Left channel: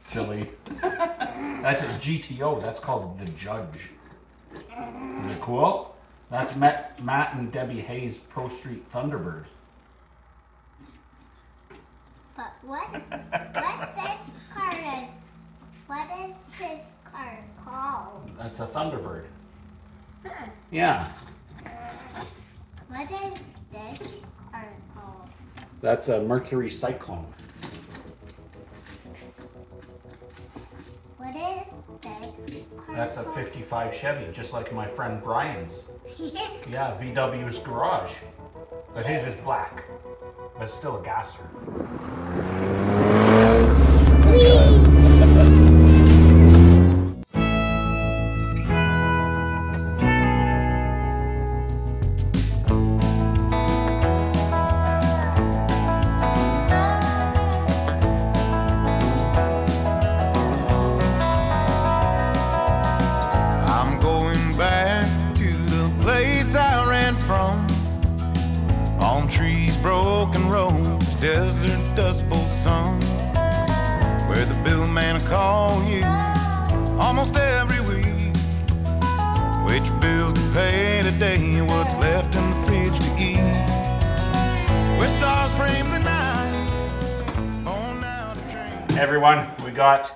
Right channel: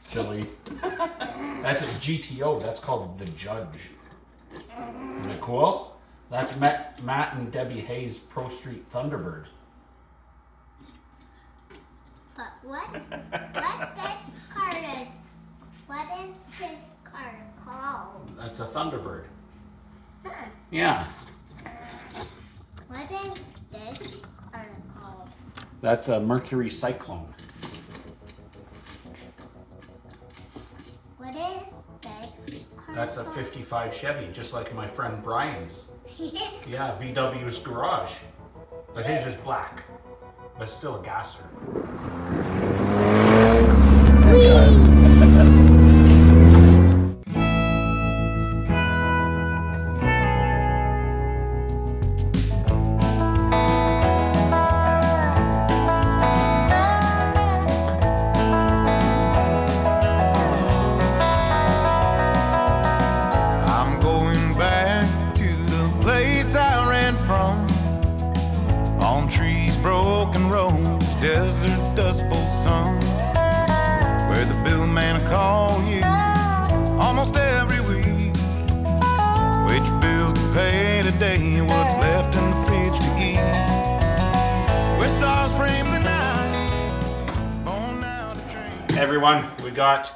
Silly. That's a GTO. That's called the Judge. Isn't it cool? That's Matt and Debbie Hayes' Pro Street Thunderbird. But what this car called? That's a Thunderbird. Huh. Yeah. What is this car called? That's a Mercury Cyclone. What is this car That's a called? 55 Chevy, just like my friend Brian's. Yeah, VW's garage. But his is black. But still a gasser. I'm going back to the place I ran from. Palm trees, broken roads, desert dust bowl sun, where the bill man will call you almost every week. Which bills to pay today, what's left in the fridge to eat, where stars frame the night on out a train. Hey everyone, we got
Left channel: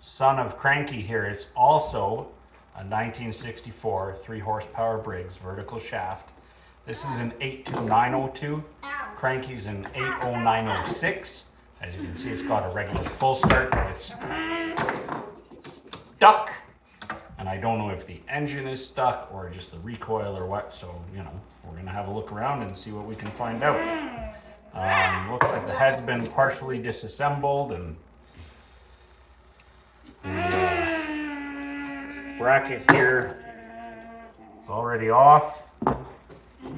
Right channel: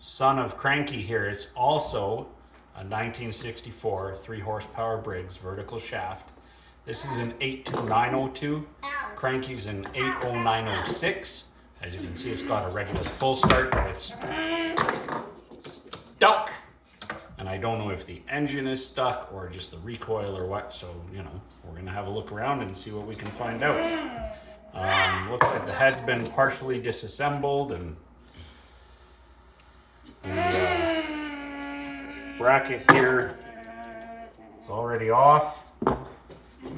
Son of Cranky here. It's also a 1964 3-horsepower Briggs vertical shaft. This is an 82902. Cranky's an 80906. As you can see, it's got a regular pull start, but it's stuck. And I don't know if the engine is stuck or just the recoil or what. So, you know, we're gonna have a look around and see what we can find out. Looks like the head's been partially disassembled and the bracket here is already off.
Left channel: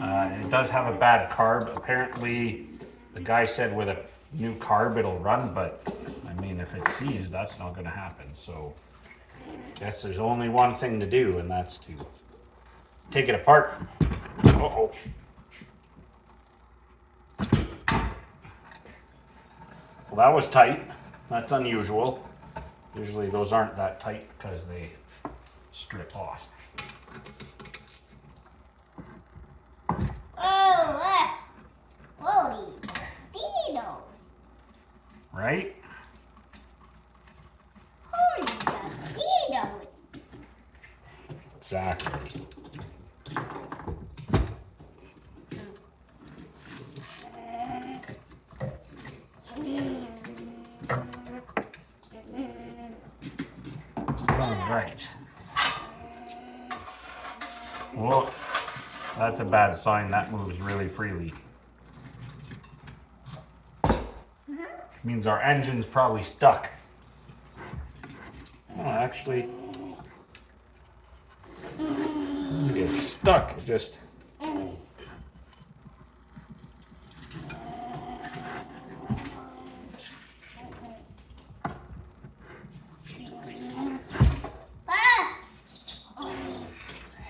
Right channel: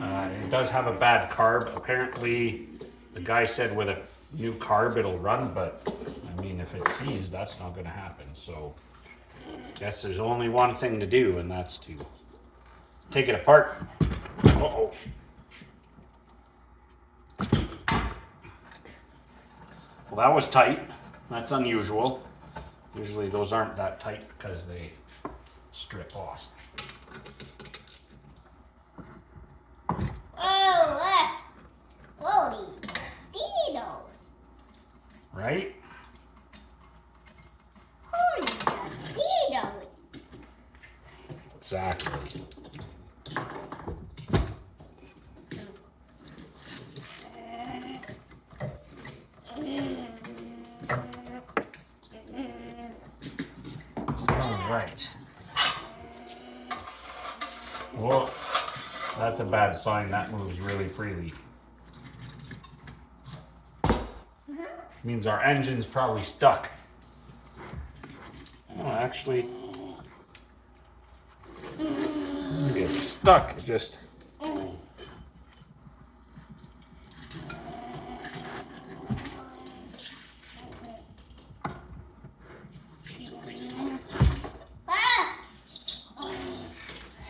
It does have a bad carb. Apparently, the guy said with a new carb it'll run, but I mean, if it's seized, that's not going to happen. So, I guess there's only one thing to do, and that's to take it apart. Uh-oh. Well, that was tight. That's unusual. Usually those aren't that tight because they strip off. Oh, holy Doritos. Right? Holy Doritos. Exactly. All right. Whoa, that's a bad sign. That moves really freely. Means our engine's probably stuck. Oh, actually, it's stuck. It just.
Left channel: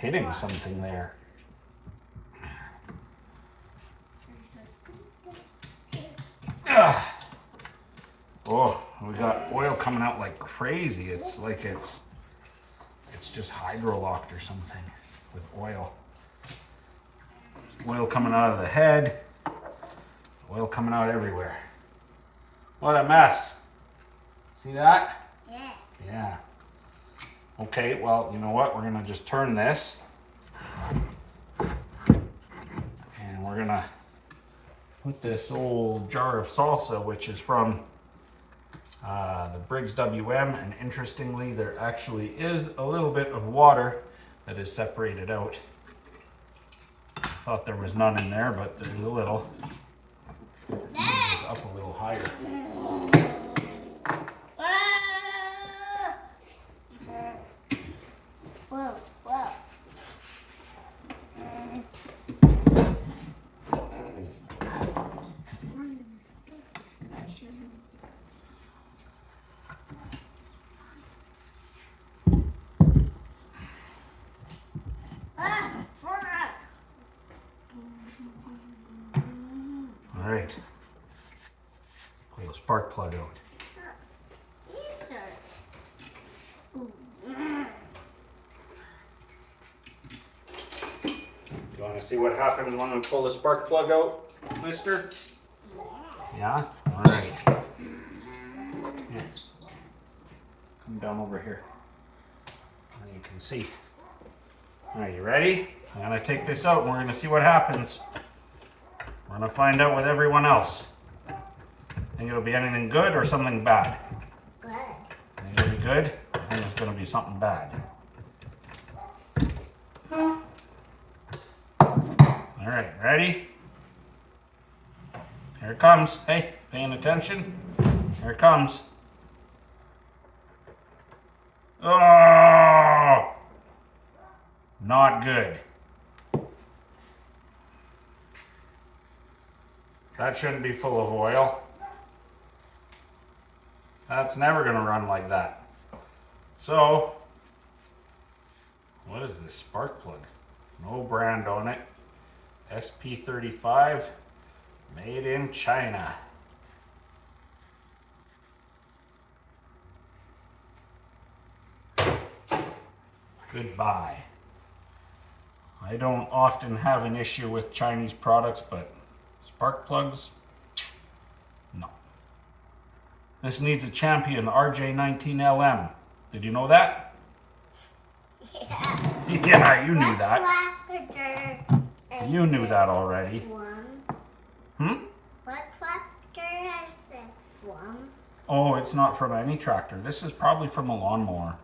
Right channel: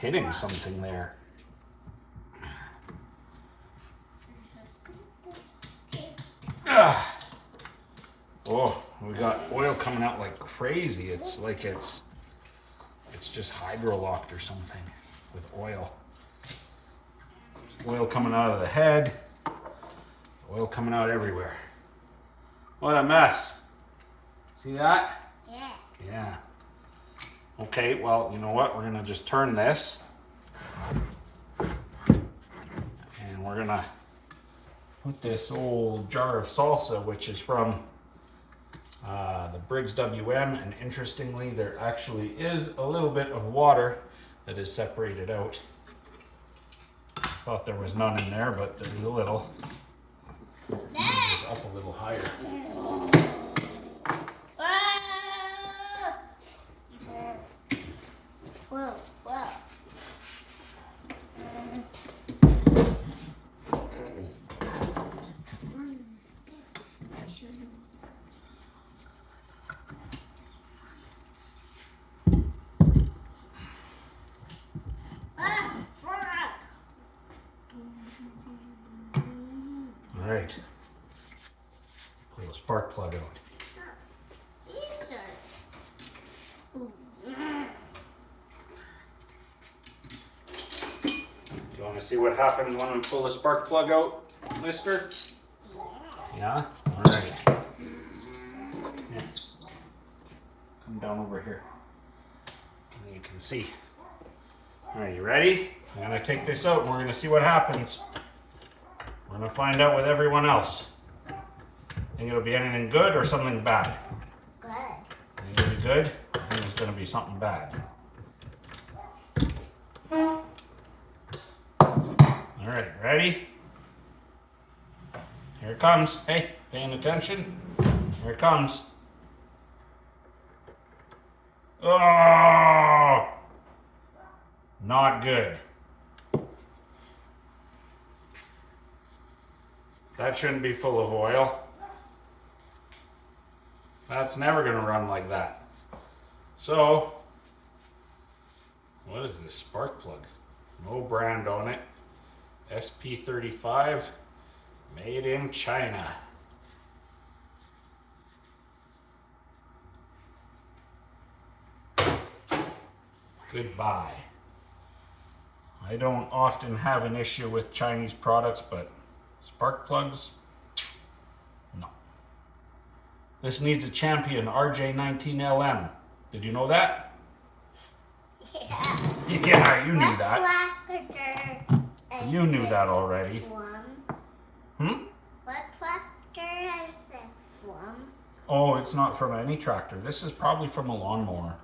Hitting something there. Ugh. Oh, we got oil coming out like crazy. It's like it's just hydrolocked or something with oil. Oil coming out of the head. Oil coming out everywhere. What a mess. See that? Yeah. Yeah. Okay, well, you know what? We're gonna just turn this. And we're gonna put this old jar of salsa, which is from the Briggs WM, and interestingly, there actually is a little bit of water that is separated out. Thought there was none in there, but there's a little. It's up a little higher. Whoa, whoa. All right. Pull this spark plug out. These are. You want to see what happens when we pull the spark plug out, mister? Yeah? All right. Yeah. Come down over here. And you can see. All right, you ready? I'm going to take this out and we're going to see what happens. We're going to find out with everyone else. Think it'll be anything good or something bad? Good. Think it'll be good? I think it's going to be something bad. All right, ready? Here it comes. Hey, paying attention? Here it comes. Oh! Not good. That shouldn't be full of oil. That's never going to run like that. So, what is this spark plug? No brand on it. SP35, made in China. Goodbye. I don't often have an issue with Chinese products, but spark plugs, no. This needs a champion, RJ19LM. Did you know that? Yeah. Yeah, you knew that. Tractor You knew that already. one. Hmm? What tractor has this one? Oh, it's not from any tractor. This is probably from a lawnmower.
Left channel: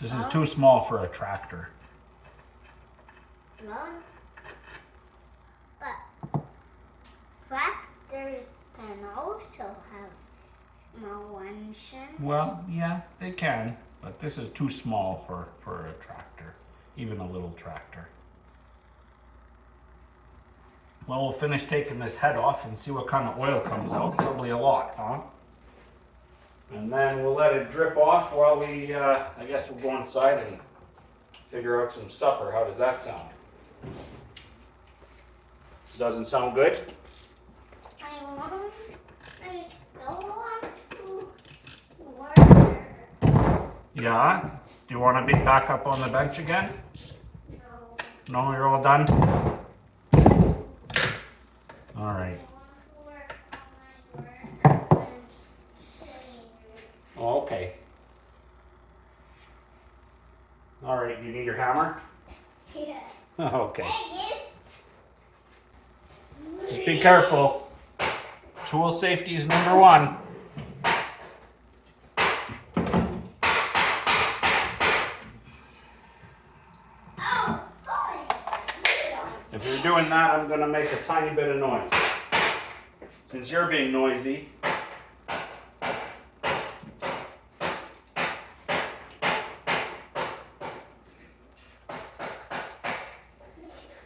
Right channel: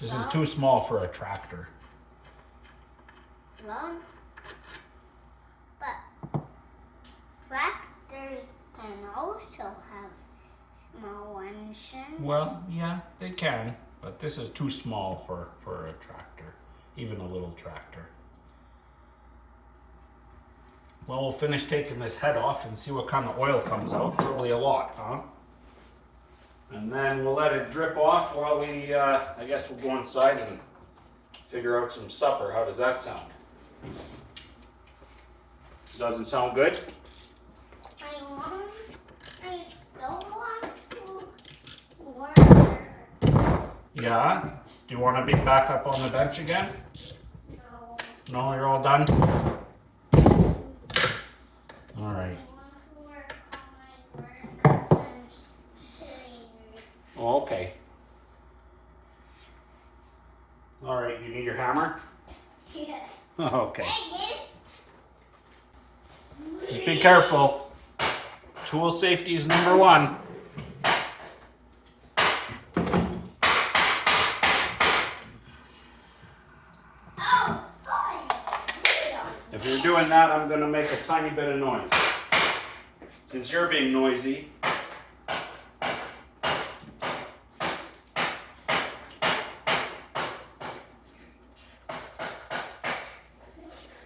This is too small for a tractor. Long. But tractors can also have small engines. Well, yeah, they can, but this is too small for a tractor, even a little tractor. Well, we'll finish taking this head off and see what kind of oil comes out. Probably a lot, huh? And then we'll let it drip off while we, I guess we'll go inside and figure out some supper. How does that sound? Doesn't sound good? I still want to work. Yeah? Do you want to be back up on the bench again? No. No, you're all done? All right. Oh, okay. All right, you need your hammer? Yeah. Okay. Just be careful. Tool safety is number one. If you're doing that, I'm going to make a tiny bit of noise. Since you're being noisy,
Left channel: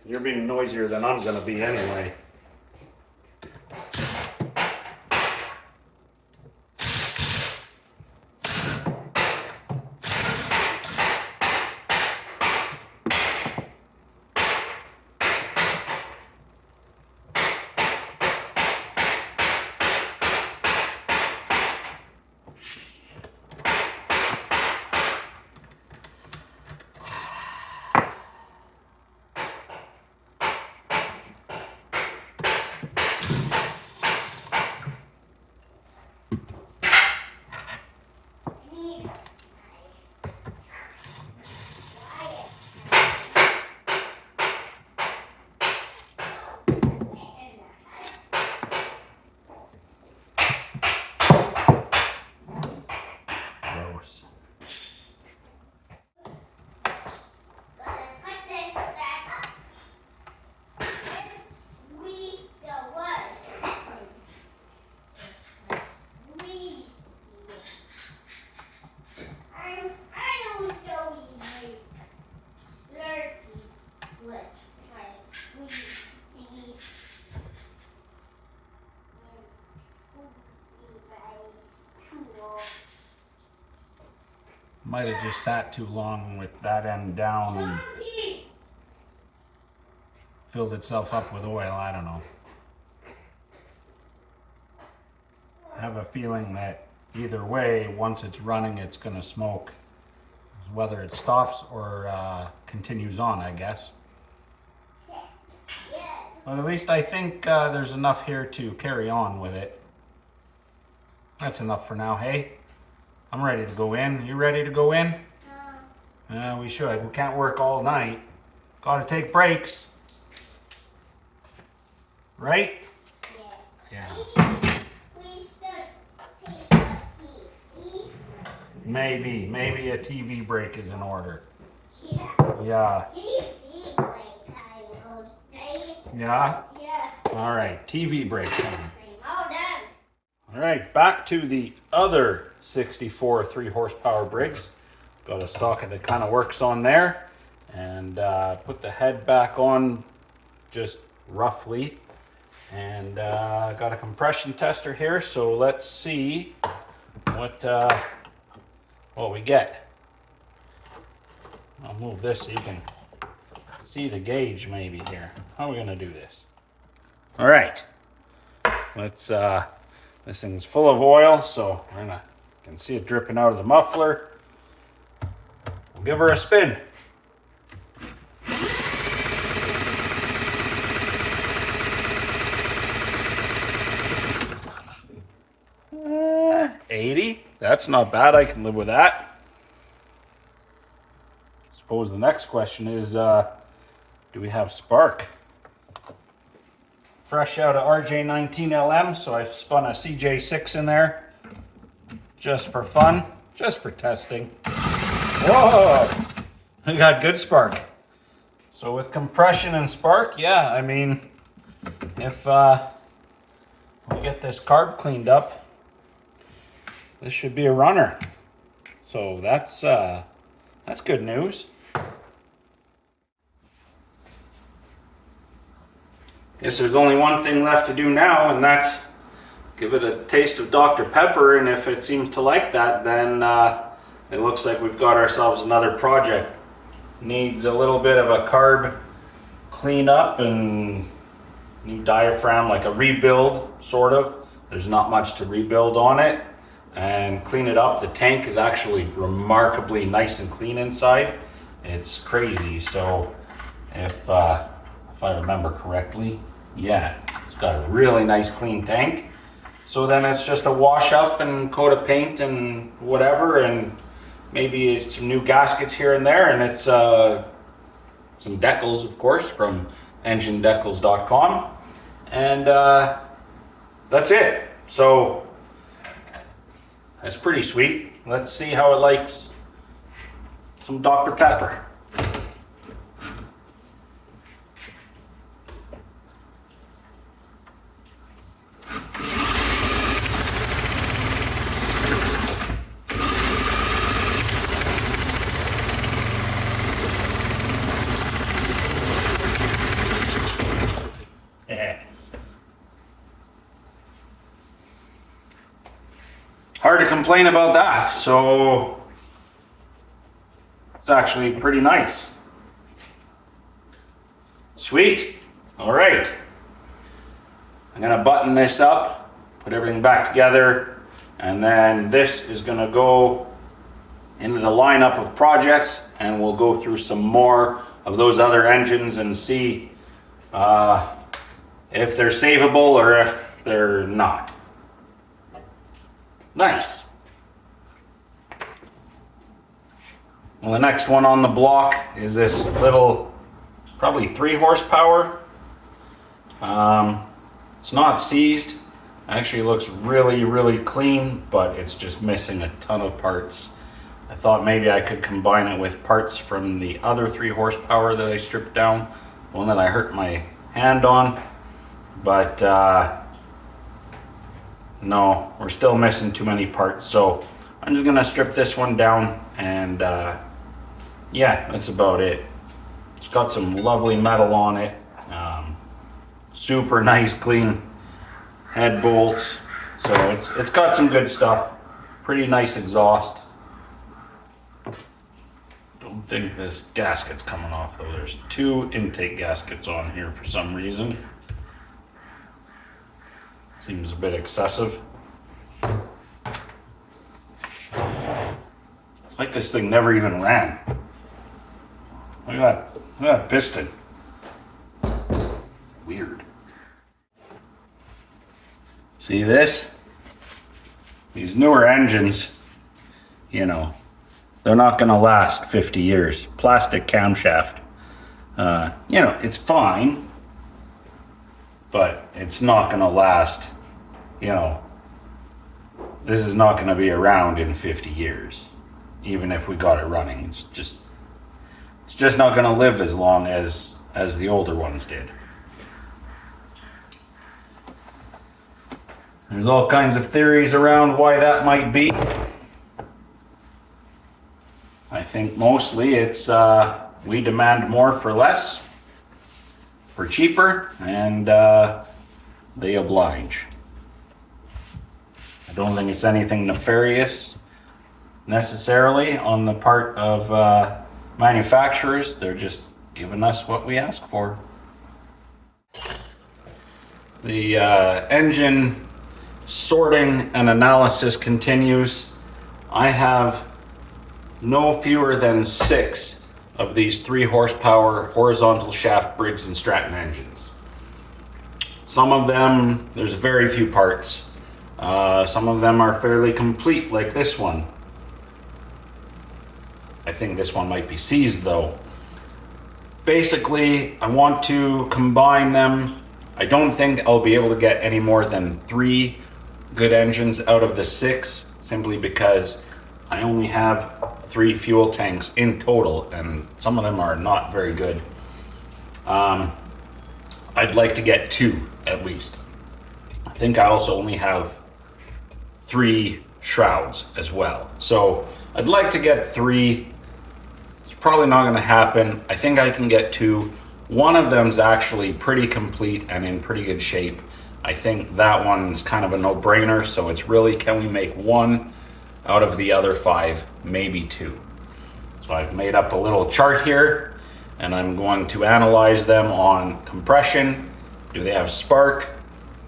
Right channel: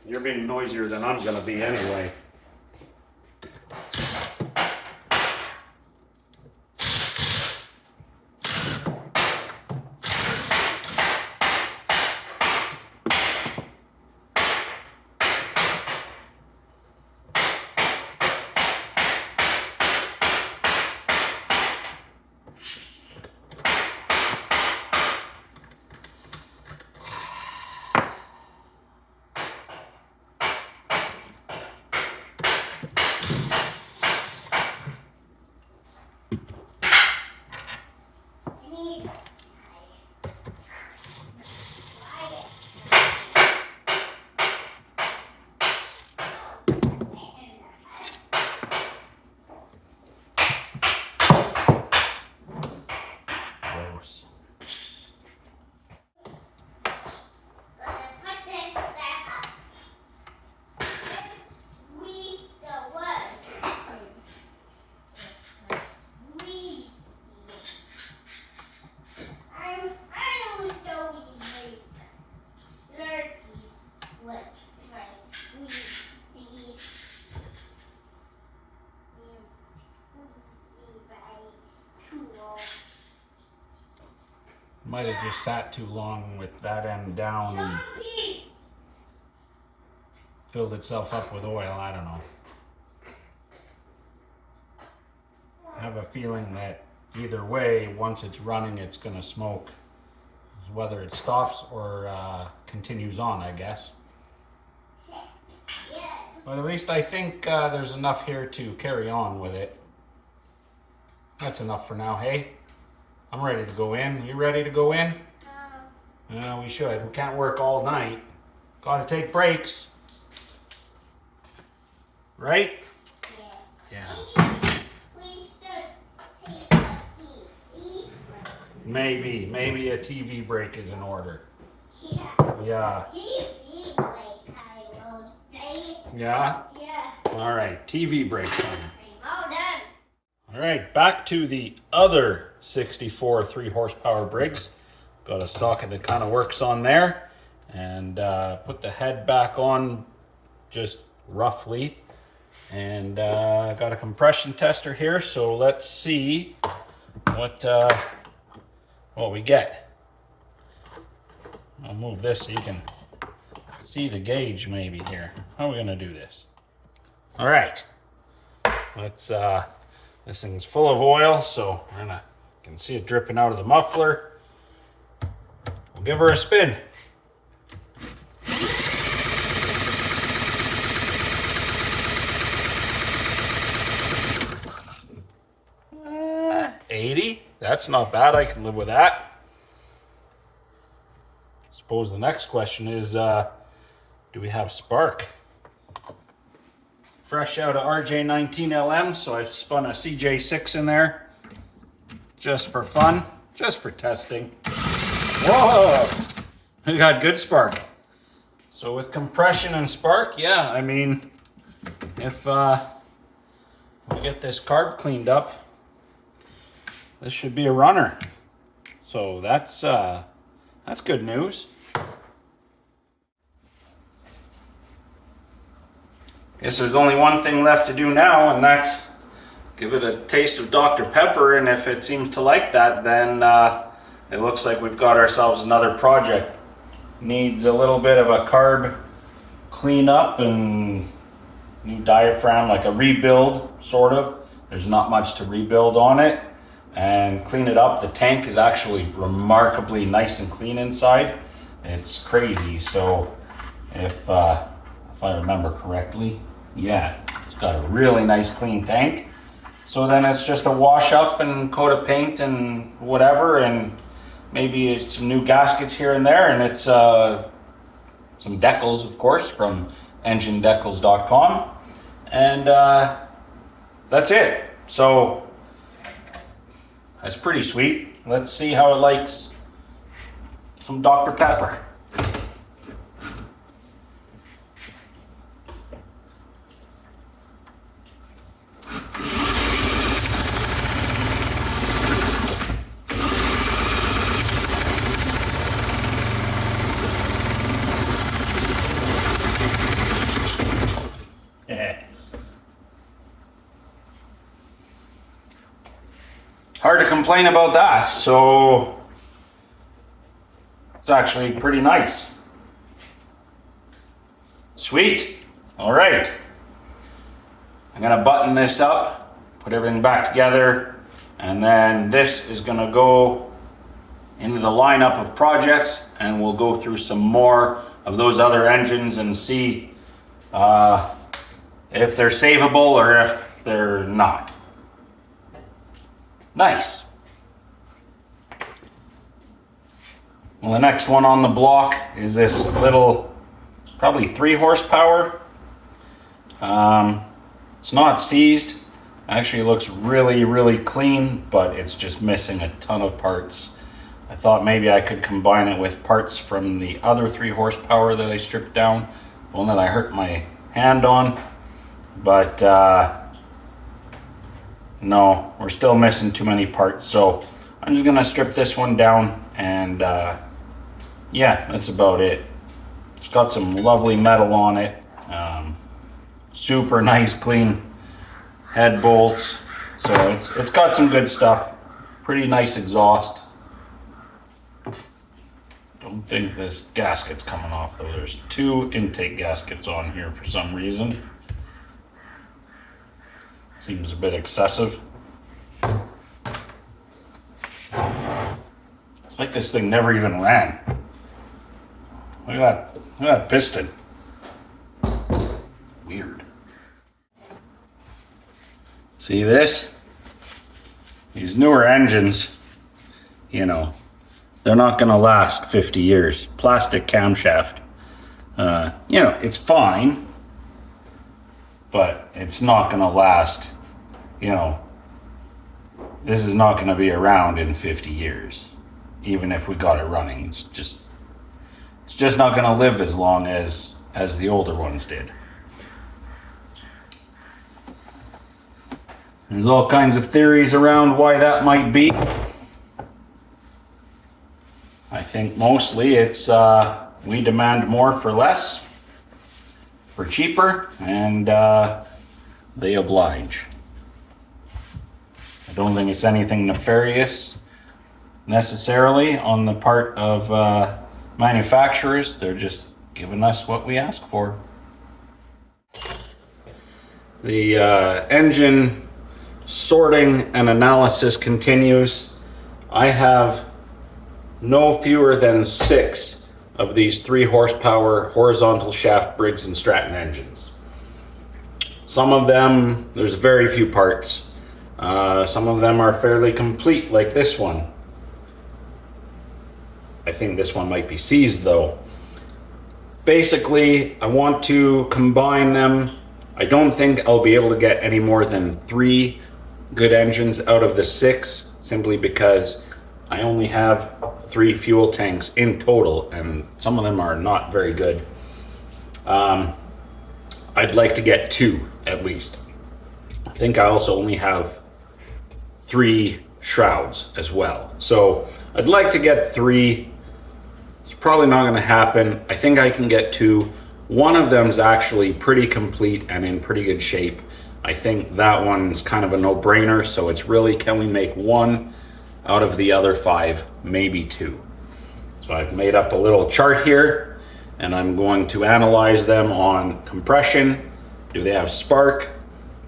you're being noisier than I'm going to be anyway. Gross. Might have just sat too long with that end down and filled itself up with oil. I don't know. I have a feeling that either way, once it's running, it's gonna smoke. Whether it stops or continues on, I guess. But at least I think there's enough here to carry on with it. That's enough for now, hey? I'm ready to go in. You ready to go in? We should. We can't work all night. Gotta take breaks. Right? Yeah. Maybe a TV break is in order. Yeah. TV break, I will say. Yeah? Yeah. All right, TV break time. All done. All right, back to the other 64 3-horsepower Briggs. Got a socket that kind of works on there, and put the head back on just roughly. And got a compression tester here, so let's see what we get. I'll move this so you can see the gauge maybe here. How are we gonna do this? All right, let's, this thing's full of oil, so you can see it dripping out of the muffler. We'll give her a spin. 80, that's not bad. I can live with that. Suppose the next question is, do we have spark? Fresh out of RJ19LM, so I spun a CJ6 in there just for fun, just for testing. Whoa, we got good spark. So with compression and spark, yeah, I mean, if we get this carb cleaned up, this should be a runner. So that's good news. Guess there's only one thing left to do now, and that's give it a taste of Dr. Pepper, and if it seems to like that, then it looks like we've got ourselves another project. Needs a little bit of a carb cleanup and new diaphragm, like a rebuild, sort of. There's not much to rebuild on it. And clean it up. The tank is actually remarkably nice and clean inside. It's crazy. So if I remember correctly, yeah, it's got a really nice clean tank. So then it's just a wash up and coat of paint and whatever, and maybe it's some new gaskets here and there, and it's some decals, of course, from enginedecals.com, and that's it. So that's pretty sweet. Let's see how it likes some Dr. Pepper. Hard to complain about that. So it's actually pretty nice. Sweet. All right. I'm gonna button this up, put everything back together, and then this is gonna go into the lineup of projects, and we'll go through some more of those other engines and see if they're savable or if they're not. Nice. Well, the next one on the block is this little, probably 3 horsepower. It's not seized. Actually looks really, really clean, but it's just missing a ton of parts. I thought maybe I could combine it with parts from the other 3 horsepower that I stripped down, the one that I hurt my hand on, but no, we're still missing too many parts, so I'm just gonna strip this one down, and yeah, that's about it. It's got some lovely metal on it, super nice clean head bolts, so it's got some good stuff. Pretty nice exhaust. Don't think this gasket's coming off though. There's 2 intake gaskets on here for some reason. Seems a bit excessive. like this thing never even ran. Look at that piston. Weird. See this? These newer engines, you know, they're not gonna last 50 years. Plastic camshaft. You know, it's fine, but it's not gonna last, you know, this is not gonna be around in 50 years. Even if we got it running, it's just not gonna live as long as the older ones did. There's all kinds of theories around why that might be. I think mostly it's we demand more for less, for cheaper, and they oblige. I don't think it's anything nefarious necessarily on the part of manufacturers. They're just giving us what we ask for. The engine sorting and analysis continues. I have no fewer than 6 of these 3 horsepower horizontal shaft Briggs & Stratton engines. Some of them, there's very few parts. Some of them are fairly complete, like this one. I think this one might be seized though. Basically, I want to combine them. I don't think I'll be able to get any more than 3 good engines out of the 6, simply because I only have 3 fuel tanks in total, and some of them are not very good. I'd like to get 2 at least. I think I also only have 3 shrouds as well. So I'd like to get 3. It's probably not going to happen. I think I can get 2. One of them's actually pretty complete and in pretty good shape. I think that one's kind of a no-brainer, so it's really, can we make 1 out of the other 5, maybe 2. So I've made up a little chart here, and I'm going to analyze them on compression. Do they have spark?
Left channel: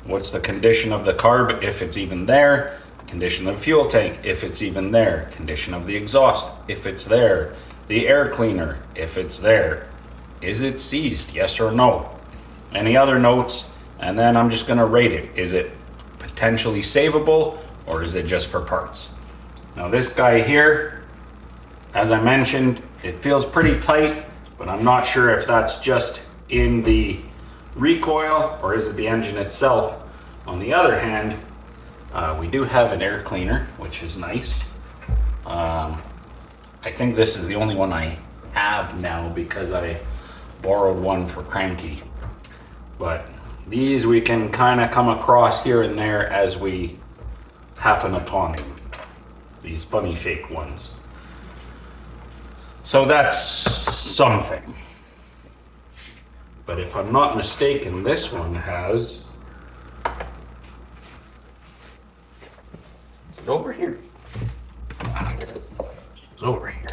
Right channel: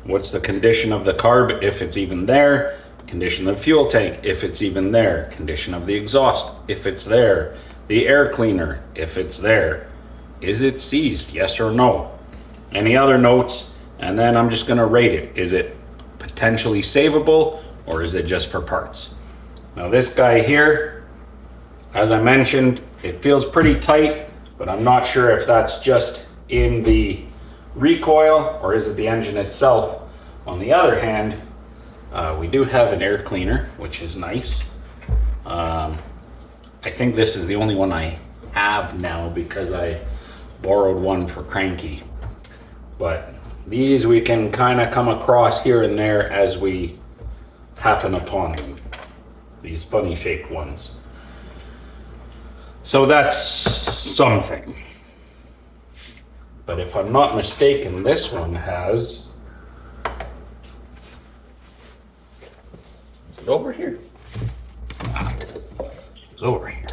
What's the condition of the carb, if it's even there? Condition of the fuel tank, if it's even there. Condition of the exhaust, if it's there. The air cleaner, if it's there. Is it seized, yes or no? Any other notes? And then I'm just gonna rate it. Is it potentially savable, or is it just for parts? Now this guy here, as I mentioned, it feels pretty tight, but I'm not sure if that's just in the recoil or is it the engine itself. On the other hand, we do have an air cleaner, which is nice. I think this is the only one I have now because I borrowed one for Cranky. But these we can kind of come across here and there as we happen upon them. These funny shaped ones. So that's something. But if I'm not mistaken, this one has... Is it over here? It's over here.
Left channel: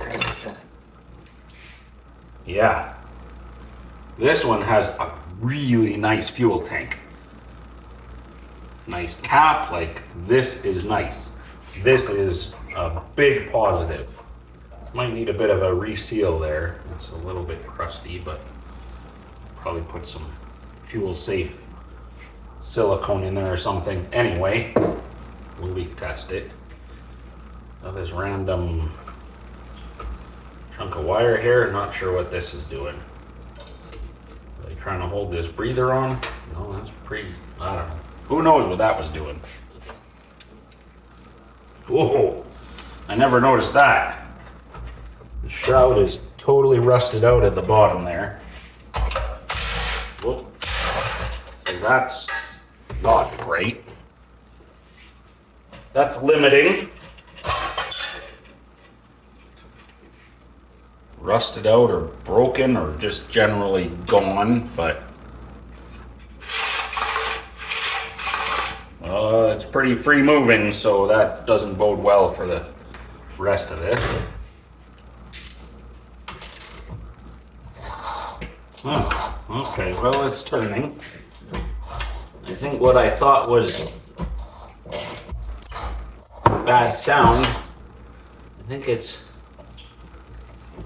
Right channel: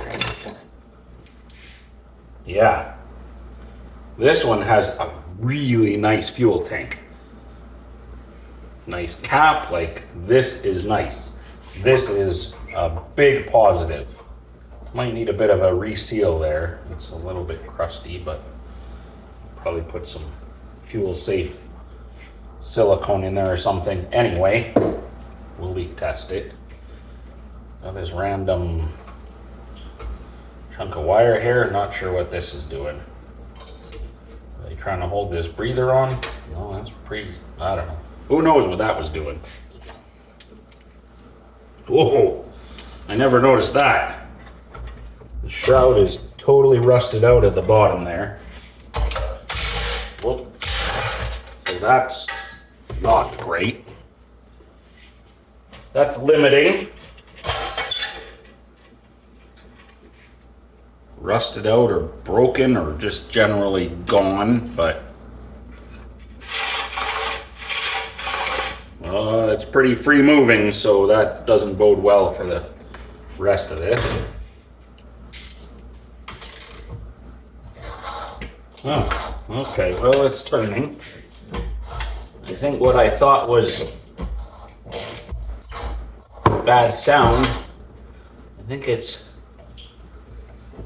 Yeah. This one has a really nice fuel tank. Nice cap, like this is nice. This is a big positive. Might need a bit of a reseal there. It's a little bit crusty, but probably put some fuel safe silicone in there or something. Anyway, we'll leak test it. Now this random chunk of wire here, not sure what this is doing. Are they trying to hold this breather on? No, that's pretty, I don't know. Who knows what that was doing? Whoa, I never noticed that. The shroud is totally rusted out at the bottom there. Whoop. So that's not great. That's limiting. Rusted out or broken or just generally gone, but it's pretty free moving, so that doesn't bode well for the rest of this. Oh, okay, well, it's turning. I think what I thought was bad sound, I think it's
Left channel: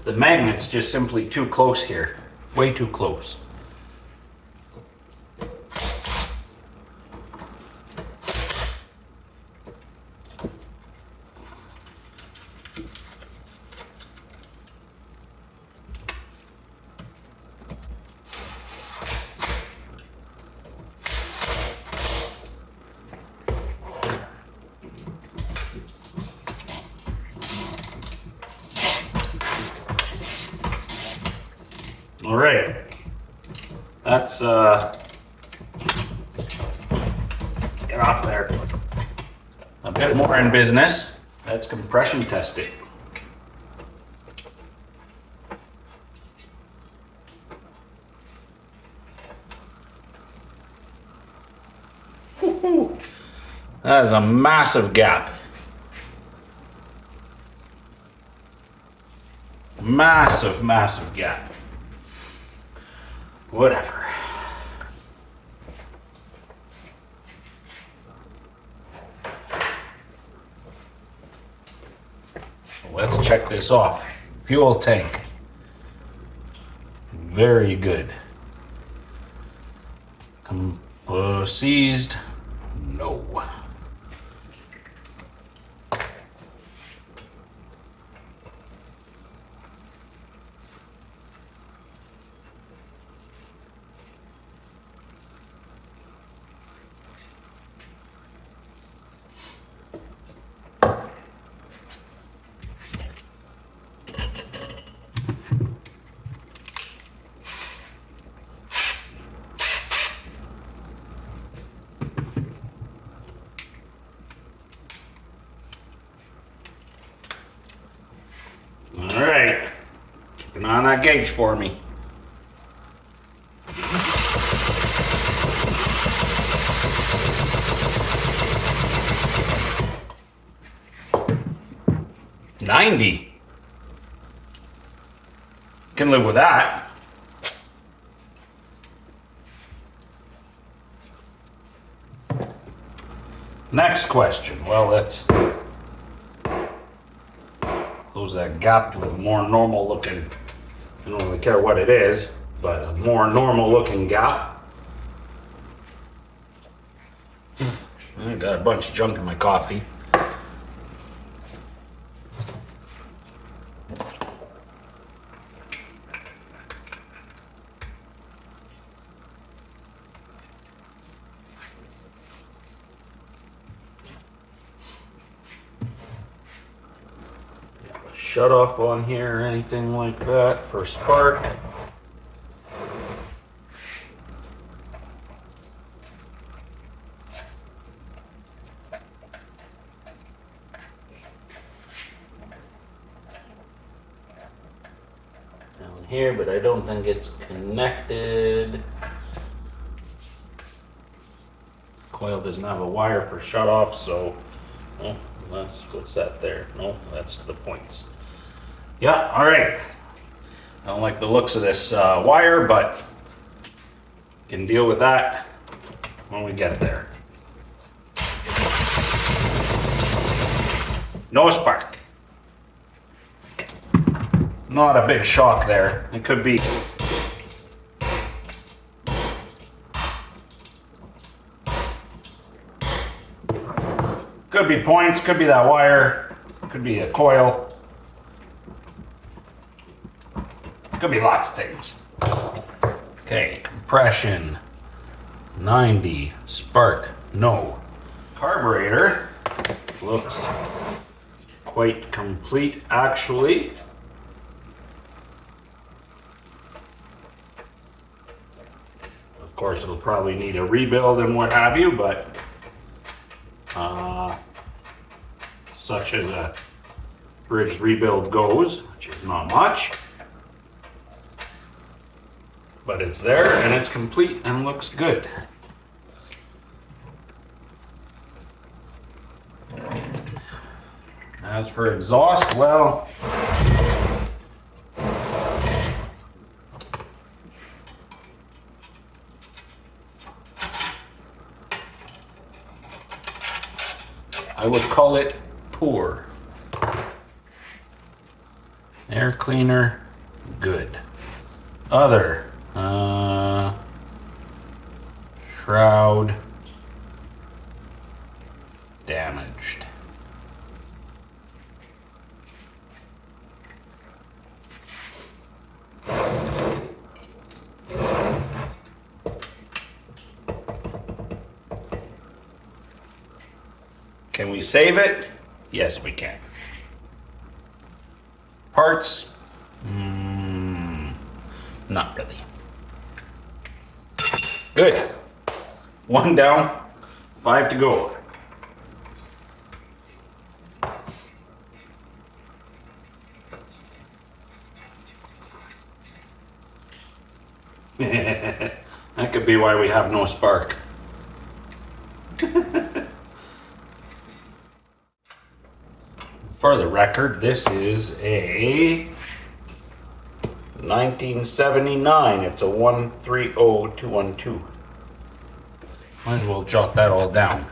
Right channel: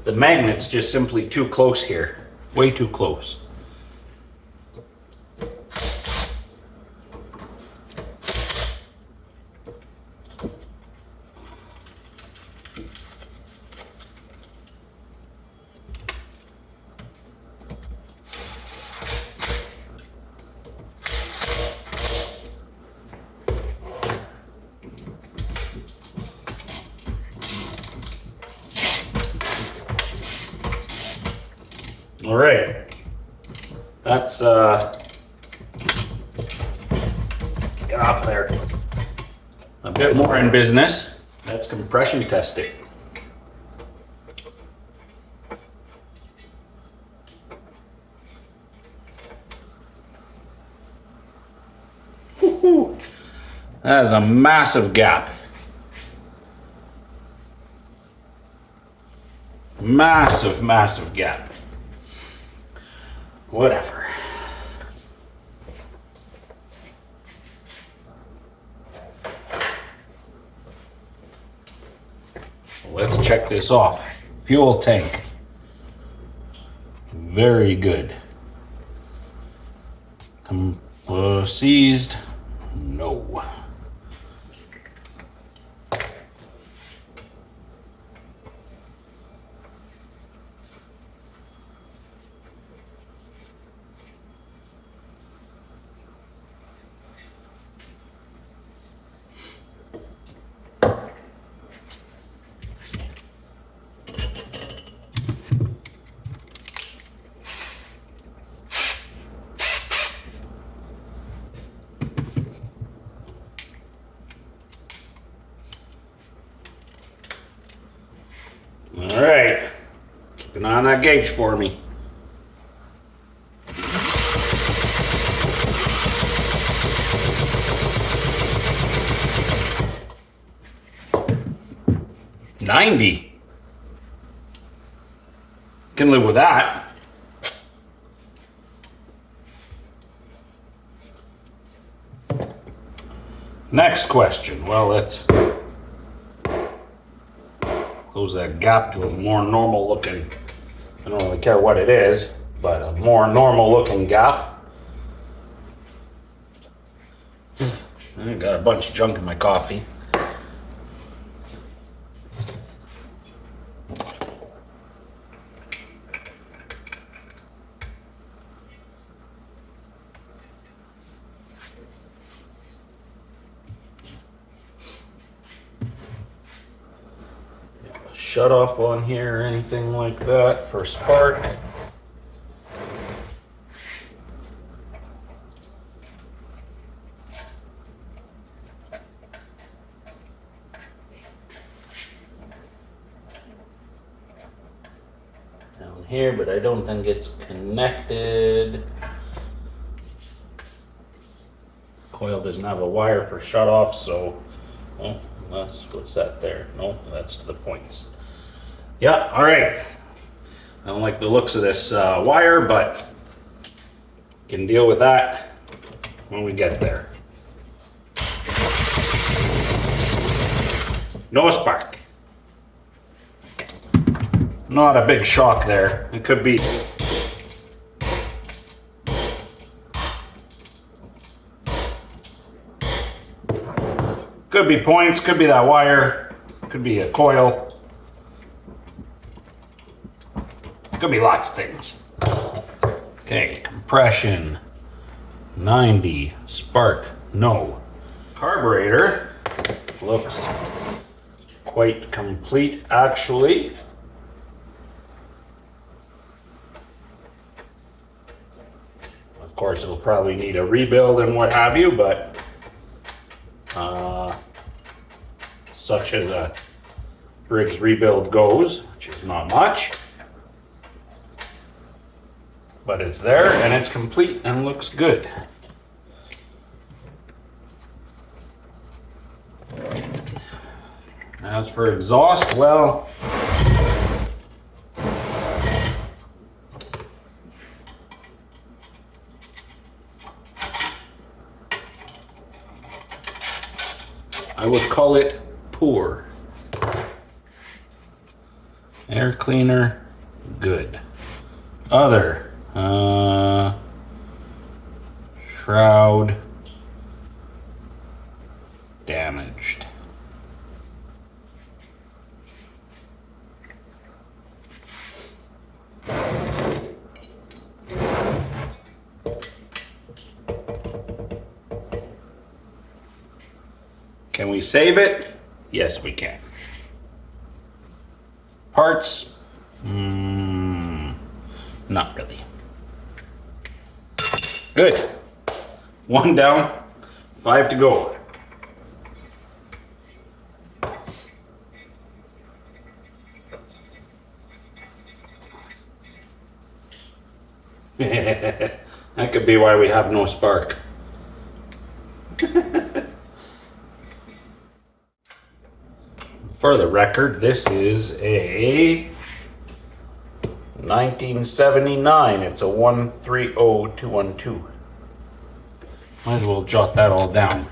The magnet's just simply too close here. Way too close. All right, that's get off there. A bit more in business. That's compression testing. Woo-hoo. That is a massive gap. Massive gap. Whatever. Let's check this off. Fuel tank. Very good. Seized? No. All right, keep an eye on that gauge for me. $90. Can live with that. Next question. Well, let's close that gap to a more normal looking, I don't really care what it is, but a more normal looking gap. I got a bunch of junk in my coffee. Shut off on here or anything like that for spark. Down here, but I don't think it's connected. Coil doesn't have a wire for shut off, so oh, what's that there? No, that's the points. Yeah, all right. I don't like the looks of this wire, but can deal with that when we get there. No spark. Not a big shock there. It could be points, could be that wire, could be a coil. Could be lots of things. Okay, compression, 90, spark, no. Carburetor looks quite complete actually. Of course, it'll probably need a rebuild and what have you, but such as a Briggs rebuild goes, which is not much. But it's there and it's complete and looks good. As for exhaust, well, I would call it poor. Air cleaner, good. Other, shroud, damaged. Can we save it? Yes, we can. Parts? Not really. Good. 1 down, 5 to go. That could be why we have no spark. For the record, this is a 1979. It's a 130212. Might as well jot that all down.